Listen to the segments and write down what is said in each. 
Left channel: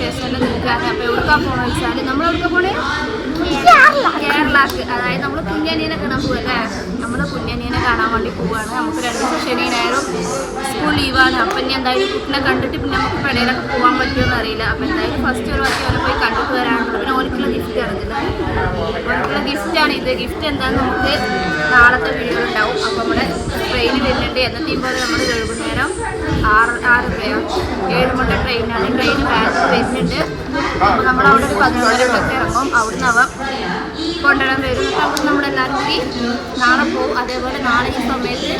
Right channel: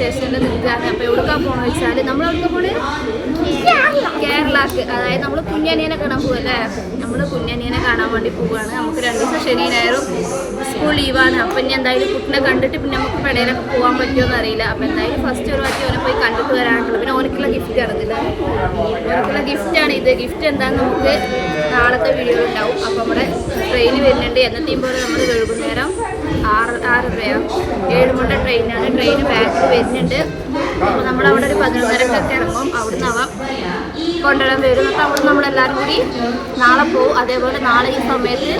സ്റ്റേഷനിൽ നിൽക്കുകയാണ്. അപ്പോൾ എവിടേക്കാണ് പോകണമെന്ന് വെച്ചാൽ നമ്മൾ എവിടേക്കാണ് പോണേ? കേരളക്ക് അതായത് നമ്മൾ കുഞ്ഞനിയനെ കാണാൻ പോവല്ലേ നമ്മൾ കുഞ്ഞനിയനെ കാണാൻ വേണ്ടി പോവുകയാണ് നമുക്ക് രണ്ട് ദിവസം ശനി ഞായറും സ്കൂൾ ലീവാണ് അപ്പം ഇനി എന്തായാലും കുട്ടിനെ കണ്ടിട്ട് പിന്നെ നമുക്ക് പെടയിലൊക്കെ പോകാൻ പറ്റുമെന്ന് അറിയില്ല. അപ്പം എന്തായാലും ഫസ്റ്റ് ഒരു വാക്കി അവനെ പോയി കണ്ടിട്ട് വരാനുള്ളൂ പിന്നെ ഓനക്കുള്ള ഗിഫ്റ്റ് ആണ് ഓനക്കുള്ള ഗിഫ്റ്റാണ് ഇത്. ഗിഫ്റ്റ് എന്താണെന്ന് നമുക്ക് നാളത്തെ വീഡിയോ ഉണ്ടാവും. അപ്പം നമ്മുടെ ട്രെയിൻ വരുന്നുണ്ട്. എന്നത്തെയും പോലെ നമ്മൾ വൈകുന്നേരം ആറ് ആറ് രൂപയാണ് ഏഴ് മണിയുടെ ട്രെയിനാണ് ട്രെയിൻ ബാക്കിൽ വരുന്നുണ്ട്. അപ്പോൾ നമ്മൾ അവിടെ ഒരു പതിനൊന്നരക്കൊക്കെ ഇറങ്ങും. അവിടുന്ന് അവ കൊണ്ടുവരാൻ വരും എന്നിട്ട് അവിടെ നമ്മളെല്ലാവരും കൂടി നാളെ പോകും അതേപോലെ നാളെ ഈ സമയത്ത്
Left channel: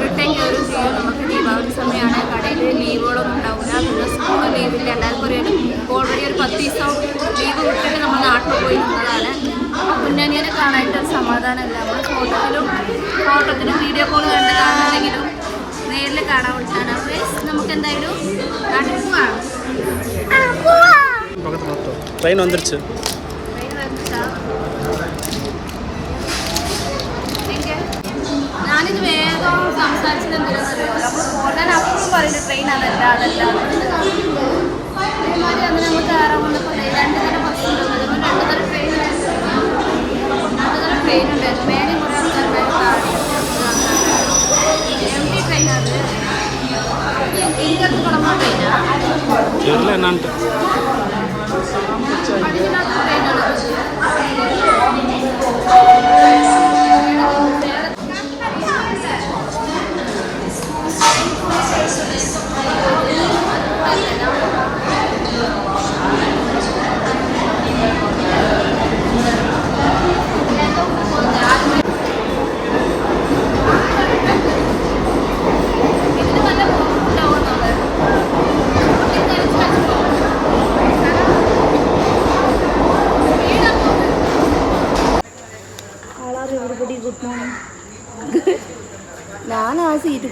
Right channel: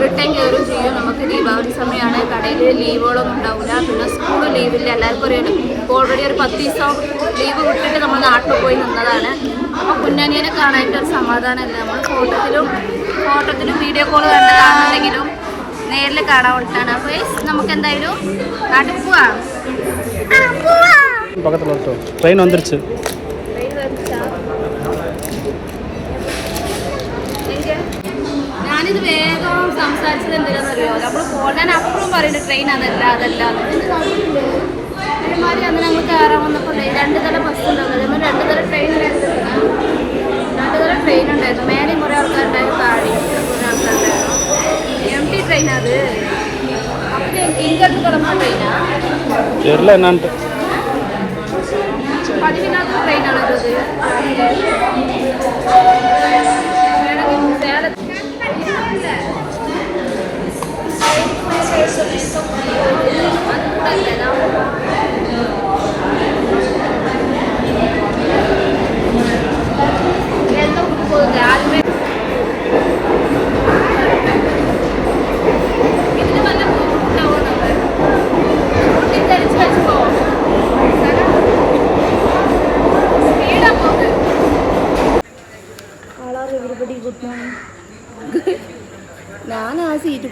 റിട്ടേൺ കയറും ചെയ്യും നമുക്ക് ദീപാവലി സമയമാണ് കടയിൽ ലീവുകളൊന്നും ഉണ്ടാവില്ല പിന്നെ സ്കൂൾ ലീവില്ല എല്ലാവർക്കും ഒരു ഓൾറെഡി ഒരു പത്ത് ദിവസം ലീവ് വിട്ടിട്ട് നമ്മൾ നാട്ടിൽ പോയി നിന്നതാണ് അപ്പോൾ കുഞ്ഞാനിയനെ കാണാനായിട്ട് ഒരു സമാധാനമില്ല നമ്മൾ ഫോട്ടോത്തിലും ഫോട്ടോത്തിലും വീഡിയോ കോൾ കണ്ട് കാണുന്നെങ്കിലും നേരിൽ കാണാൻ വേണ്ടിയിട്ടാണ് അപ്പോൾ നമുക്ക് എന്തായാലും നാട്ടിൽ പോവാം பக்கத்தில் மட்டும் ட்ரெயின் வந்துருச்சு ഞാനിത് വേഗം സംസാരിച്ചത് എന്തിനാണെന്നറിയോ? നമ്മൾ പോകാൻ അപ്പോഴും പറയുന്നത് ട്രെയിൻ അതല്ല അതല്ല. അതേമാതിരി അങ്ങനെ നമ്മൾ കയറാൻ വന്നപ്പോൾ രണ്ട് തരം ബസ് ഉണ്ടായിരുന്നു രണ്ട് തരം ട്രെയിൻ രണ്ട് തരം ട്രെയിൻ ഉണ്ടായിരുന്നു. മേലെയും കുറേ ആൾക്കാരുണ്ടായിരുന്നു താഴെയും കുറേ ആൾക്കാരുണ്ടായിരുന്നു എം ടി ട്രെയിൻ അത് എനിക്കത് കിടക്കാൻ പറ്റില്ല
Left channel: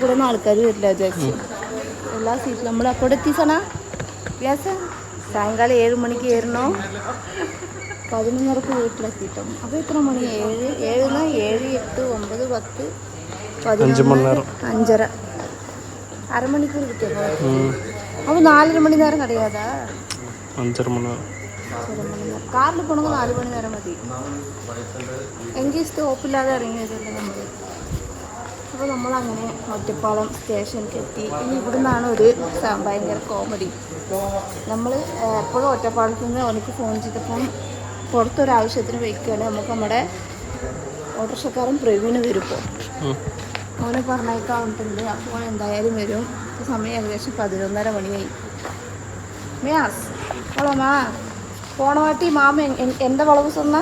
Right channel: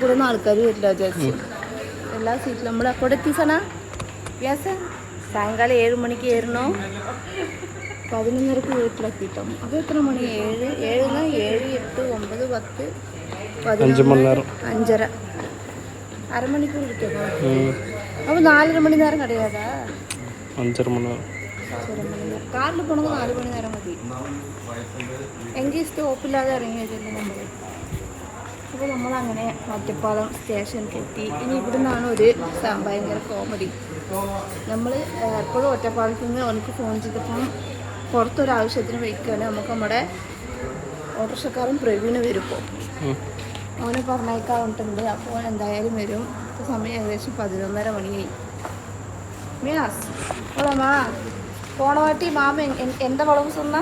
കൂടൊന്നും ആൾക്കാർ വരില്ല വിചാരിച്ചു എല്ലാ സീറ്റിലും നമ്മൾ അപ്പോൾ എത്തിസണ യെസ് സായങ്കാലം ഏഴ് മണിക്ക് ഏറണോ പതിനൊന്നരക്ക് വീട്ടിലെത്തിട്ടോ അപ്പോൾ എത്ര മണി ഏഴ് ഏഴിന് ഏഴ് എട്ട് ഒമ്പത് പത്ത് അഞ്ച് മണിനേരം അഞ്ചര അരമണിക്കൂർ കിട്ടിയപ്പോൾ അപ്പോൾ നാലര മണി നേരം കിടയാതാ അഞ്ചര മണിനേരം കാറിൽ പോകണമെങ്കിൽ നാല് മണി നേരം മതി എങ്കിൽ സ്റ്റോപ്പില്ലാതെ ഇറങ്ങിയതല്ലേ നമ്മൾ അപ്പോൾ നമ്മളങ്ങനെ ഒറ്റപ്പാലം സ്റ്റേഷനിലേക്ക് എത്തി ഇനി ഇവിടെ നിന്നാണ് ഒരു ഭയങ്കര കോമഡി നമ്മൾ എപ്പോഴും ഒറ്റപ്പാലത്ത് നിന്ന് എനിക്ക് ഫോൺ ചെയ്തപ്പം പുറത്തൊരാവശ്യത്തിന് വയ്ക്കുകയാണ് നമുക്ക് നമ്മുടെ ഓട്ടോറിക്ഷക്കാരൻ പ്രവീണ് വരും അവന് പറഞ്ഞേക്കാവുന്നുണ്ട് അപ്പോൾ എന്തായാലും വരും. സമയം ഏകദേശം പതിനൊന്നര മണി മിയാസ് പോളോമാ മാ പോണവാട്ടി മാമ എന്റെ എന്റെ വളവ് ചെന്ന?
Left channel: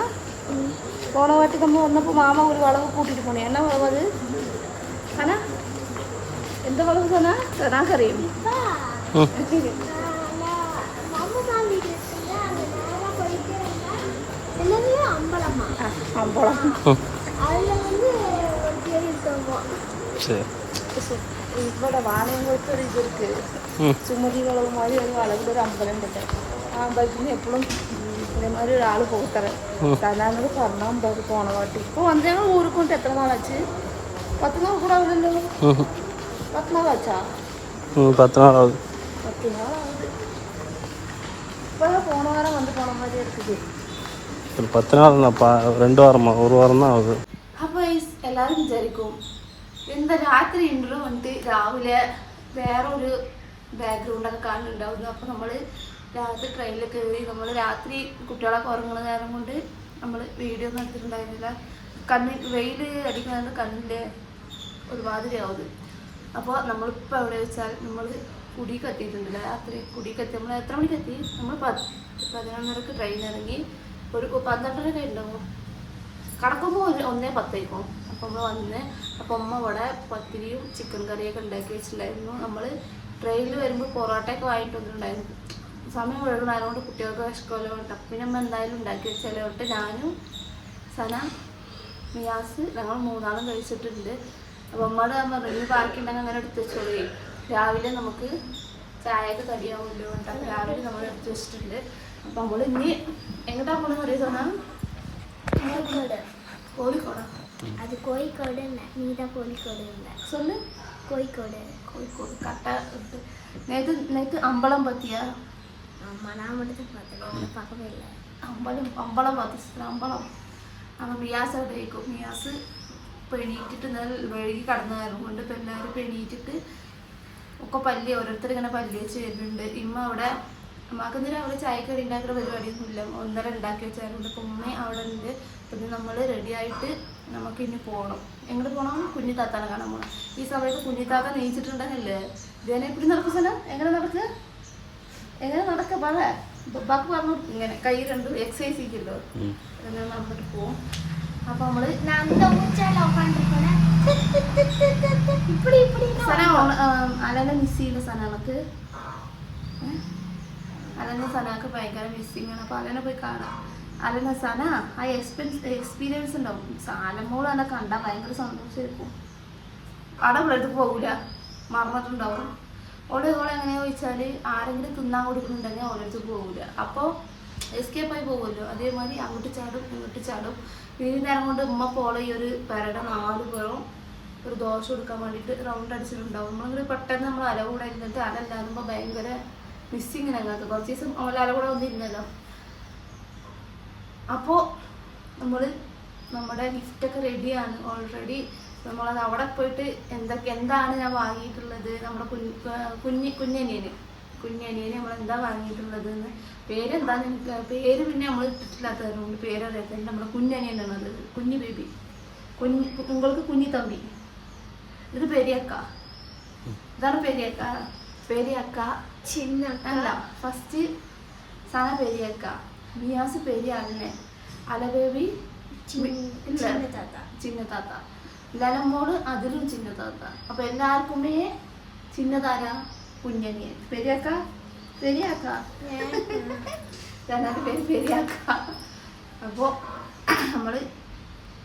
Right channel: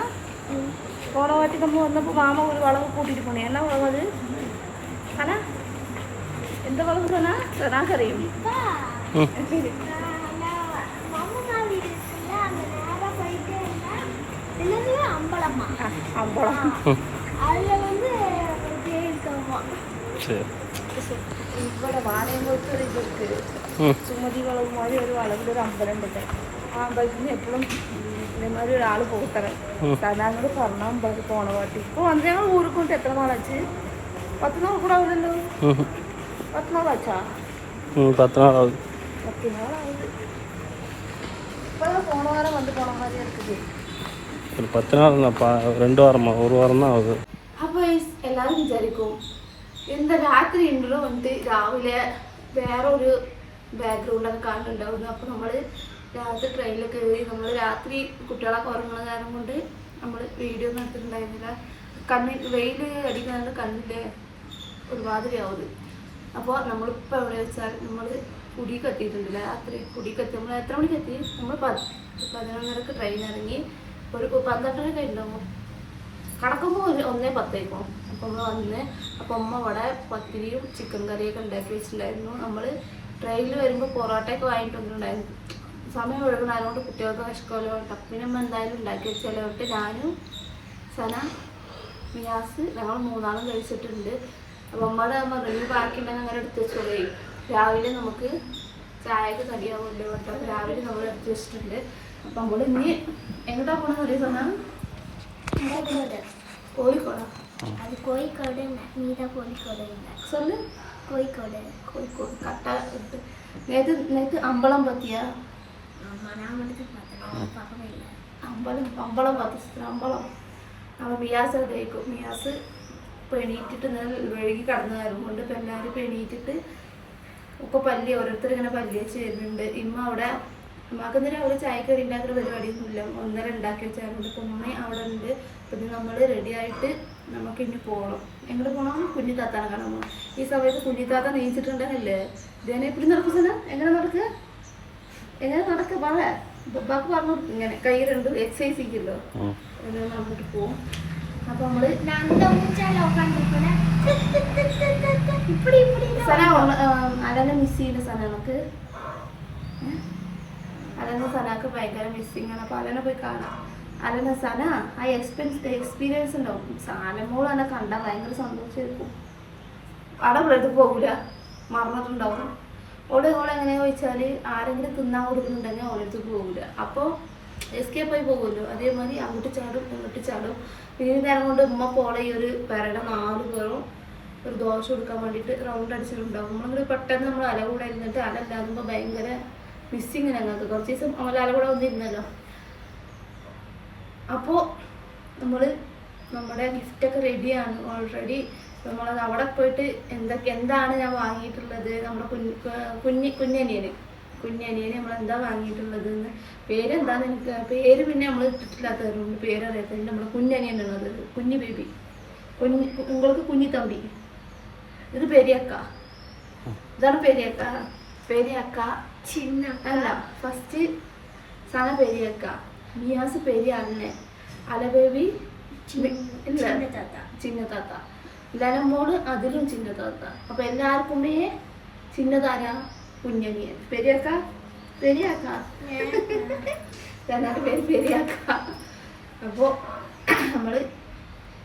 പോണവാട്ടി നമ്മൾ വന്നപ്പോൾ മാമ ഒരു വളവ് കൂട്ടിയിട്ട് പോണേ. എന്നാ വളവ് കാണാ എന്താ പോകുന്ന നാക്കറിയും சரி ഇവിടെ വാനയങ്ങൾക്ക് ഒരു ഇതെടുത്ത് ചുമതികളും മഴ ഒരു അളവിന്റെ ഒരു അമ്പലം ഉണ്ട് ആ അമ്പലത്തിന് എപ്പോഴും ഇതേമാതിരി ഒരാൾ പോകത്തറേ സാധാരണ പറഞ്ഞ അമ്പലത്തിൽ പോകണ ഇപ്പോൾ വന്ന് ഞങ്ങൾ ഊരിക്കൊണ്ട് എത്ര നാളെ വെച്ച് പത്ത് നാൾ കൂടെ ആവുന്നുണ്ടല്ലോ ம் പത്ത് നാൾ വെച്ചാ ம் பத்து நாள் ஆகுது പത്ത് നാളായത് ഇപ്പോൾ പോണ വാരം വന്ന് പോണമാരെ എടുത്തിട്ട് ஒரு பத்து நாள் நான் பா ரெண்டு வாரமா ஒரு வாரம் தான் ஆகுது അപ്പോൾ എല്ലാവരും വിചാരിക്കും എന്താ രാത്രി ഉണ്ടല്ലോ വന്നിട്ട് രാവിലെ വേറെ ഒരു ബാക്ക്ഗ്രൗണ്ടൊക്കെ കാണുന്നുണ്ടാവുന്നു അപ്പോൾ നമ്മൾ രാത്രി ട്രെയിനിൽ കയറി നമ്മൾ രാത്രി കുട്ടികളൊക്കെ ഉറങ്ങുന്ന കാരണം കൊണ്ട് നമ്മൾ വീഡിയോ ഒന്നും എടുത്തിട്ടുണ്ടായിരുന്നില്ല കണ്ണിൽ വെയിൽ അടിക്കുന്നത് കണ്ണിൻ്റെ ഒരുമാതിരിയാവുന്നത് അപ്പോൾ നമ്മളിപ്പോൾ എവിടെ വെച്ചാൽ നമ്മൾ കുടി കത്തിയിട്ടുണ്ടല്ലോ? രാത്രി കുടി കത്തി നമ്മൾ എത്ര മണി എത്തി? നമ്മൾ പതിനൊന്നരക്ക് ട്രെയിൻ ഇറങ്ങി ഒരു പന്ത്രണ്ടര ഉണ്ടാവും കടക്കുമ്പോൾ ഒരു ഒന്നേ പത്തേക്കും. അപ്പം നമ്മൾ വന്ന് അപ്പം അമ്മ ഇവിടെ പത്തിരിയും ചിക്കൻ കറിയൊക്കെ ഉണ്ടാക്കി വെച്ചിട്ടുണ്ടായിരുന്നു. നമ്മൾ ട്രെയിനിൽ വരുമ്പോൾ പൊറോട്ടയൊക്കെ വാങ്ങിയിട്ട് വന്നിട്ടുണ്ടായിരുന്നു. സമയം അതുകൊണ്ട് കുട്ടികൾക്ക് വിഷക്കോലോ ടപ്പിന് നമ്മൾ എന്തായാലും ഉണ്ടാക്കി വെച്ചാലോട്ട് ഞാനും സന മിയാസ് ഞങ്ങൾ മൂന്നാളും കഴിച്ചിട്ടുണ്ട്. അപ്പോൾ അമ്മയോട് ഞാൻ പറഞ്ഞു ബാക്കി ഉണ്ടെങ്കിൽ അങ്ങനെ എടുത്ത് വെച്ചോളേ. രാവിലെ നമുക്ക് ചായക്ക് കടിയാവുമല്ലോ കേട്ടോ രാവിലെ നമ്മൾ എടുത്ത് വെച്ചിട്ടുണ്ട്. അപ്പം നമ്മൾ ഇനി എങ്ങോട്ടാ പോകണം അറിയാം തോന്നാം കോഴിക്കോടോ. അത് കോഴിക്കോട് നീത കോഴിക്കോട് സൊല്ലു കോഴിക്കോട്. കോഴിക്കോട്. കട്ട നേരത്തെ നേരത്തെ അമ്പളം പത്തിയ? അമ്പലം അമ്പളം പത്തി അമ്പളം അപ്പം മിയാസ് അവിടെ മിയാസ് മിയാസ് പെണീറ്റിട്ട് ഇന്നലെ വഴുകി കടന്നായിരുന്നു കൊണ്ട് ഇപ്പം എല്ലാവരും ഇപ്പം എണീറ്റിട്ട് ഒക്കെ പല്ലി ഓരോരുത്തർ ഇങ്ങനെ പല്ലി വെച്ച് വരുന്നുണ്ട്. ഇമ്മ അവിടെ എന്തെങ്കിലും അവിടെ ചായക്കടി ഉണ്ടാക്കുന്ന പരിപാടിയൊന്നുമില്ല. ഒന്നര ഉണ്ടാക്കി വെച്ചായിരുന്നു. ഇപ്പം ഉമ്മ അവിടെ ഉണ്ട്. പിന്നെ നമ്മൾ റെഡി ആയിട്ട് നമുക്ക് ഇനി പോകണം എങ്ങോട്ട് പോകണം കുഞ്ഞി താത്താണ് കാണാൻ പോകണം ഈ സമയത്ത് കുഞ്ഞി താത്ത നെയ്ച്ചിട്ടുണ്ടെന്നല്ലേ ഇതേനെ എപ്പിടി നടക്കുന്ന എങ്ങനെ നടക്കുക എങ്ങനെ നടക്ക്? പറ ബാക്ക് പറഞ്ഞു ഇങ്ങനെ കൈ രണ്ടും എക്സസൈസ് ചെയ്യല്ലോ ഉം. അങ്ങനെ നമ്മളിട്ട് പോവും. അപ്പൊ നമ്മൾ അലനെ മിസ് ചെയ്യുന്ന സനക്ക് ഭയങ്കര മിസ്സിങ് ആണ്. അപ്പൊ പോയി കാണാം. അലന സന ആ എക്സ്പെൻസ് എക്സ്പീരിയൻസ് ഉണ്ടാവും സാലമോൾ എന്നെ കണ്ടാൽ ഭയങ്കര സന്തോഷമായിരിക്കും അവിടെ ഉള്ളടുത്ത് പോകൂല മറന്നിട്ടുണ്ടാവും. ഓടെ ഓടെ എങ്ങനെയാ ചോദിച്ചാൽ ആരെങ്കിലും തിന്നാൻ കൊടുക്കുന്നുണ്ടെങ്കിൽ ഓരോരുത്തർ പോകൂല അപ്പോൾ എസ്കേപ്പ് ആയി പോകുമല്ലോ. അതേമാതിരി അങ്ങോട്ട് ചാടും ഇങ്ങോട്ട് ചാടും. ഈ നേരം കൊണ്ട് ഉമ്മ പോളെ ഈ ഒരു പെരയുടെ നാല് പേരും ഒരു ദോശ കൊടുക്കാൻ വേണ്ടിയിട്ട് റൗണ്ട് അടിച്ചിട്ടുണ്ടാവും. നമ്മളിങ്ങനെ പെട്ടെന്ന് നമ്മൾ അല കൂടെ ഇരുന്നിട്ട് അല ഭയങ്കര മിസ്സിങ് ഞങ്ങൾക്ക് കുറച്ച് ദിവസം നമ്മൾ അല കൂടെ വന്നിരുന്നല്ലോ അപ്പോൾ നമ്മൾ നമ്മുടെ ഗിഫ്റ്റൊക്കെ റെഡിയാണ് ഓൾറെഡി നമ്മളത് അവിടെ പോയിട്ട് എന്തൊക്കെ എന്താണ് ഞാൻ വാങ്ങിയിട്ടുള്ളത്? നമ്മുടെ കുഞ്ഞ് കുഞ്ഞി കുഞ്ഞനിയന്. കുഞ്ഞനിയനെ നമ്മൾ എന്താ വാങ്ങിയിട്ടുള്ളത് എന്ന് പേരെന്താന്ന് എനിക്ക്? പേര് പിന്നെ നമ്മൾ ഇട്ടിട്ടില്ലാത്തതുകൊണ്ട് പേരറിയാത്തത് നമ്മുടെ കുഞ്ഞനിയനാണത് കുഞ്ഞു ബേബി. കുഞ്ഞു നിങ്ങൾക്ക് കുഞ്ഞി തമ്പി. ഇത് പെരിയക്ക. ഇതാണ് പെരിയക്ക. പെരിയക്ക. ചിന്ന അല്ല ഫസ്റ്റ് സാധനം പെരിയക്ക. നിയാസ് പെരിയ അന്നെ അലബേബി ചിന്നത്താത്ത ഇല്ല. ചിന്ന താത്ത അതിലും ചിന്നത്താത്ത. അപ്പൊ എല്ലാവർക്കും ചിന്നതാരാ? കുഞ്ഞനിയൻ പെരിയക്ക? പെരിയാക്ക? രണ്ടാമത്തെ പേര് പെരിയാക്ക. അപ്പോ നമ്മൾ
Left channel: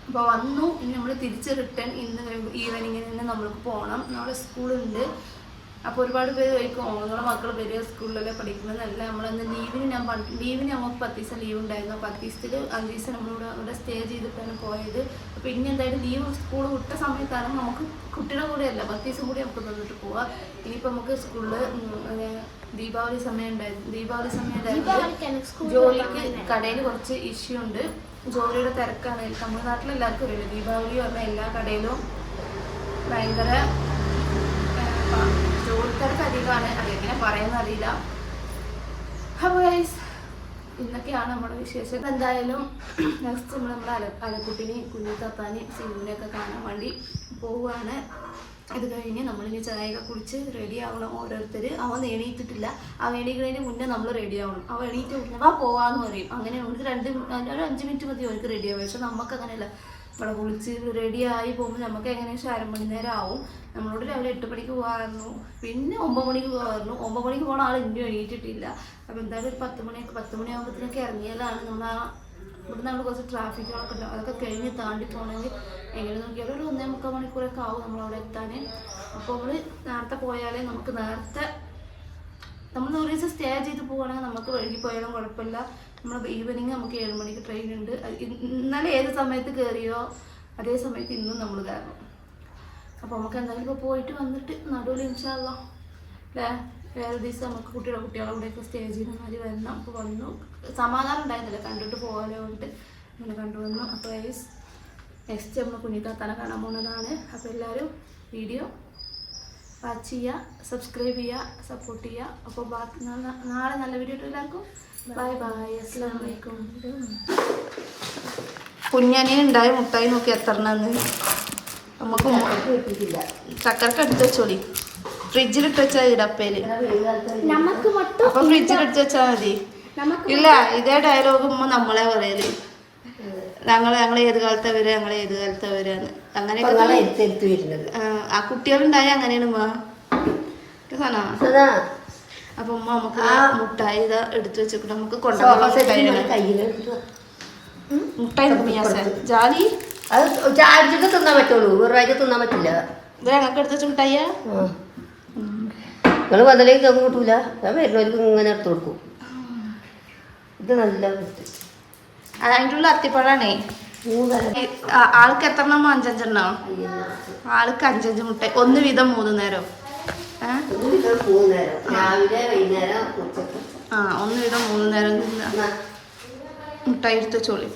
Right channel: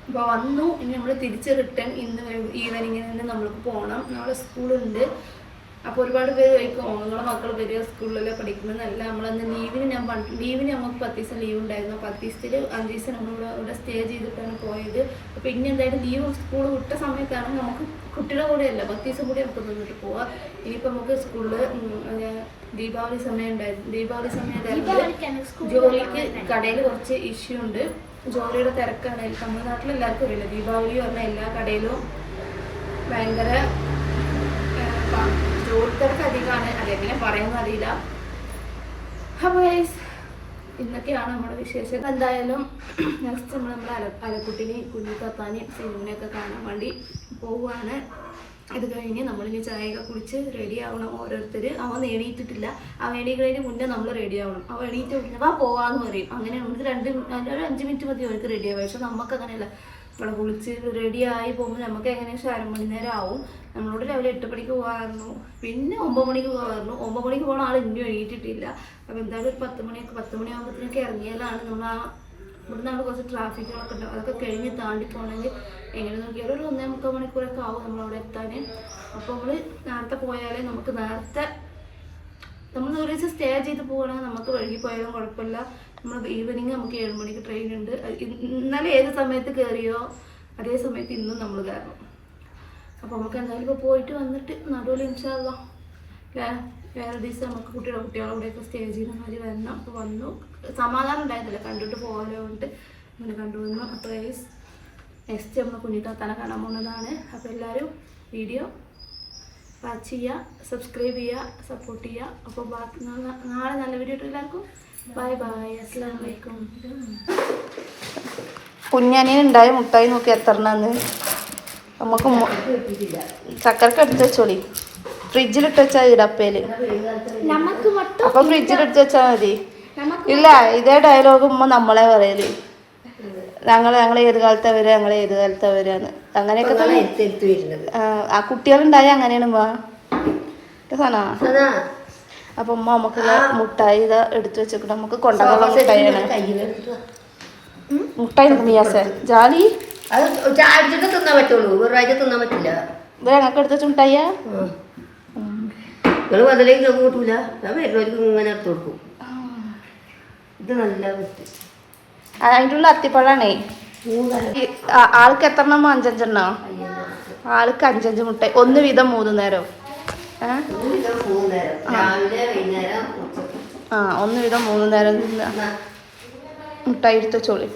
ഇപ്പൊ വന്നു ഇനി നമ്മൾ തിരിച്ച് റിട്ടേൺ ഇന്ന് ഈവനിങ്ങിന് തന്നെ നമ്മൾക്ക് പോകണം നമ്മളെ സ്കൂളുണ്ട്. അപ്പോൾ ഒരുപാട് പേര് ചോദിക്കും "ഓ, നിങ്ങളെ മക്കൾ വരിക സ്കൂളിലല്ലേ പഠിക്കുന്നതല്ല നമ്മളന്ന് ലീവിന് ഞാൻ ലീവിന് നമുക്ക് പത്ത് ദിവസം ലീവ് ഉണ്ടായിരുന്നു. പത്ത് ദിവസത്തിൽ അഞ്ച് ദിവസം നമ്മളിവിടെ ഇവിടെ സ്റ്റേ ചെയ്തിട്ടാണ് പോയത്. അപ്പോൾ ഇനി എന്തായാലും ലീവ് സ്കൂൾ വിട്ട സമയത്താണ് നമുക്ക് കുട്ടിയുടെ കൂടെ അല്ല പത്ത് ദിവസം കൂടി നമുക്ക് നിന്നിട്ട് പോവാം. ഇനിയിപ്പോൾ നമുക്ക് സ്കൂളിൽ ദീപാവലി സമയം ഉണ്ടായിരുന്നു ദീപാവലി സമയം ഉണ്ടായിരുന്നു ജോലിക്ക് കടയിൽ കുറച്ച് ഇഷ്യൂ ഉണ്ട്. ജോലിയുടെ തിരക്കാണ്. തമിഴ്നാട്ടിൽ എല്ലാവർക്കും അറിയില്ല ദീപാവലി പറഞ്ഞ എല്ലാ കടയിലും ഭയങ്കര ജോലി തിരക്ക് അധികമാണ്. അതെങ്ങനെ പറയുന്ന അറിയില്ല അപ്പോൾ ഗൈസ് ഇന്നൊക്കെയാണ് നമ്മുടെ വിശേഷം എന്തായാലും നെക്സ്റ്റ് നമ്മൾ നമ്മുടെ അല അലക്കുട്ടിനെ കുഞ്ഞിത്താത്താനെയും സിനിമനെയൊക്കെ കാണാൻ വേണ്ടി പോവുകയാണ്. ഇത് കഴിഞ്ഞ് നമ്മളിനി ചായയൊക്കെ കുടിച്ച് റെഡി ആവണം ഓരോരുത്തർ അവൻ എണീറ്റിട്ടില്ല. അവൻ എണീക്കുന്നതിന് മുന്നേ നമ്മൾ റെഡി ആവണം. അവൻ എണീറ്റ് വാ പോവാന്ന് പറയും. അങ്ങനെ നമുക്ക് രണ്ട് ഒരു അഞ്ച് മിനിറ്റ് മതി അവർക്ക് റെഡി ആവും പക്ഷെ നമുക്ക് അങ്ങനെയല്ല ഇവിടെ കുളിച്ച് ആയി പോകുമ്പോൾ നമുക്ക് എങ്ങനെയാ അര മണി നേരം ആവും. നമ്മളോട് രാവിലെ എട്ട് മണിക്ക് പോകാമായിരുന്നു പിന്നെ ഒമ്പത് മണിക്ക് പോകാമായിരുന്നു ഒമ്പത് മണിക്ക് പോകണ ആൾ ഇനിയും എണീറ്റിട്ടില്ല. അപ്പോൾ എന്തായാലും ഒരു പത്ത് മണിയൊക്കെ പത്ത് മണിയാകുമ്പോഴത്തേക്ക് ഇറങ്ങിയാലാണ് നമ്മൾ ആ ഇവിടുന്ന് അവിടെ കുറച്ച് ട്രാഫിക്കുകളൊക്കെ ഉണ്ടാവും. അതൊക്കെ കഴിഞ്ഞ് താണ്ടി പോകണമെങ്കിൽ എങ്ങനെ നോക്കിയാലും ഒരു ഒന്നേ മുക്കാൽ മണിക്കൂറൊക്കെ ആവും നമ്മൾ അവിടെ എത്താൻ അപ്പോൾ നമ്മൾ നേരത്തെ പോയാലേ നമുക്ക് നേരത്തെ നമ്മൾ ഒരു ദിവസം സ്റ്റേ ചെയ്ത് പോവുകയാണെങ്കിൽ നമുക്ക് വഴുകി പോയാലും കുഴപ്പമില്ല. നമ്മൾ ഈവനിങ് നമുക്ക് ഏഴ് മണിക്ക് ട്രെയിൻ ഉണ്ട്. ഇന്നലെ ഏത് സമയത്ത് കയറിയോ അതേ സമയത്ത് ഇന്നും നമ്മൾ കയറണം. അപ്പോൾ നമുക്ക് എന്തായാലും ഇപ്പോൾ പോയിട്ട് വന്നിട്ട് നടുവിൽ ഇൻഷാല്ല വേറെ ദിവസം നമുക്ക് കുട്ടികളെ കുട്ടികളെ കൂടെയൊക്കെ സ്റ്റേ ചെയ്യുന്ന മാതിരി വരണം. അപ്പോൾ വന്നു. സമാധാനം ഉണ്ടായിരുന്നില്ല. കണ്ടിട്ട് പോകാലോ എന്നിട്ട് അങ്ങനെ കണ്ടുവന്നു അപ്പോൾ ഗൈസ് നെക്സ്റ്റ് നമ്മൾ കുഞ്ഞിത്താത്താനെ കാണാൻ പോകുന്നതാണ് അപ്പോൾ എല്ലാവരും വീഡിയോ വാച്ച് ചെയ്യുക സബ്സ്ക്രൈബ് ചെയ്യുക സപ്പോർട്ട് ചെയ്യുക. അപ്പോൾ ബാക്കി നാളെ നല്ല വീഡിയോ എല്ലാവർക്കും. അസ്സാം വലൈക്കും കുഞ്ഞനിയൻ ഉണ്ടായ മുട്ടായി നോക്കി എത്ര നമുക്ക് ചക്കരക്ക് എടുത്ത് വെച്ചോളി. ഫ്രിഡ്ജിലിട്ട് വെച്ചാൽ ഇടപ്പേൽ അപ്പൊ ഫ്രിഡ്ജിലിട്ട് വെച്ചാൽ മതി. ഇല്ല ഇതേ ഡയലോഗ് ഉമ്മ നമ്മളെ പറയൽ. ഞങ്ങൾ ഞങ്ങൾ ഏത് കാലത്താ വരിക ഞങ്ങൾ ഏത് കാലത്താ വരികയെന്ന് അങ്ങനെയൊക്കെ തന്നെ ആ, ആ കുട്ടികളുണ്ടായ അങ്ങനെയാണ് ഉമ്മ. സാധന അപ്പൊ ഉമ്മ നമുക്കുള്ള മുട്ടായി ഇതാ എടുത്തു വെച്ചിട്ട് നമുക്ക് കൊണ്ടുള്ള മുട്ടായിയാണ്. മുട്ടായി മിയാസെ. ജാലി? അത് തിന്നാൻ പറ്റുള്ളൂ. ഒരു പ്രാവശ്യം തിന്നാൻ പറ്റില്ല. ഇത് ഞങ്ങൾക്ക് എടുത്ത് വെച്ച നിങ്ങൾ വന്നില്ലെങ്കിൽ അത് വരുന്നവർക്ക് ഇങ്ങനെ എടുത്തു കൊടുക്കും. ഇത് നല്ല. അതിന്റെ ഉള്ള അത്തിപ്പഴാണേ. ആൾക്ക് എത്ര എണ്ണം? അഞ്ചഞ്ചെണ്ണോ. ആൾക്ക് അഞ്ചഞ്ച് മുട്ട ഒന്ന് വീതം മൂന്ന് നേരം. ആ. ഒന്ന് വീതം മൂന്ന് നേരം മുട്ടായിരത്തെ ചോളി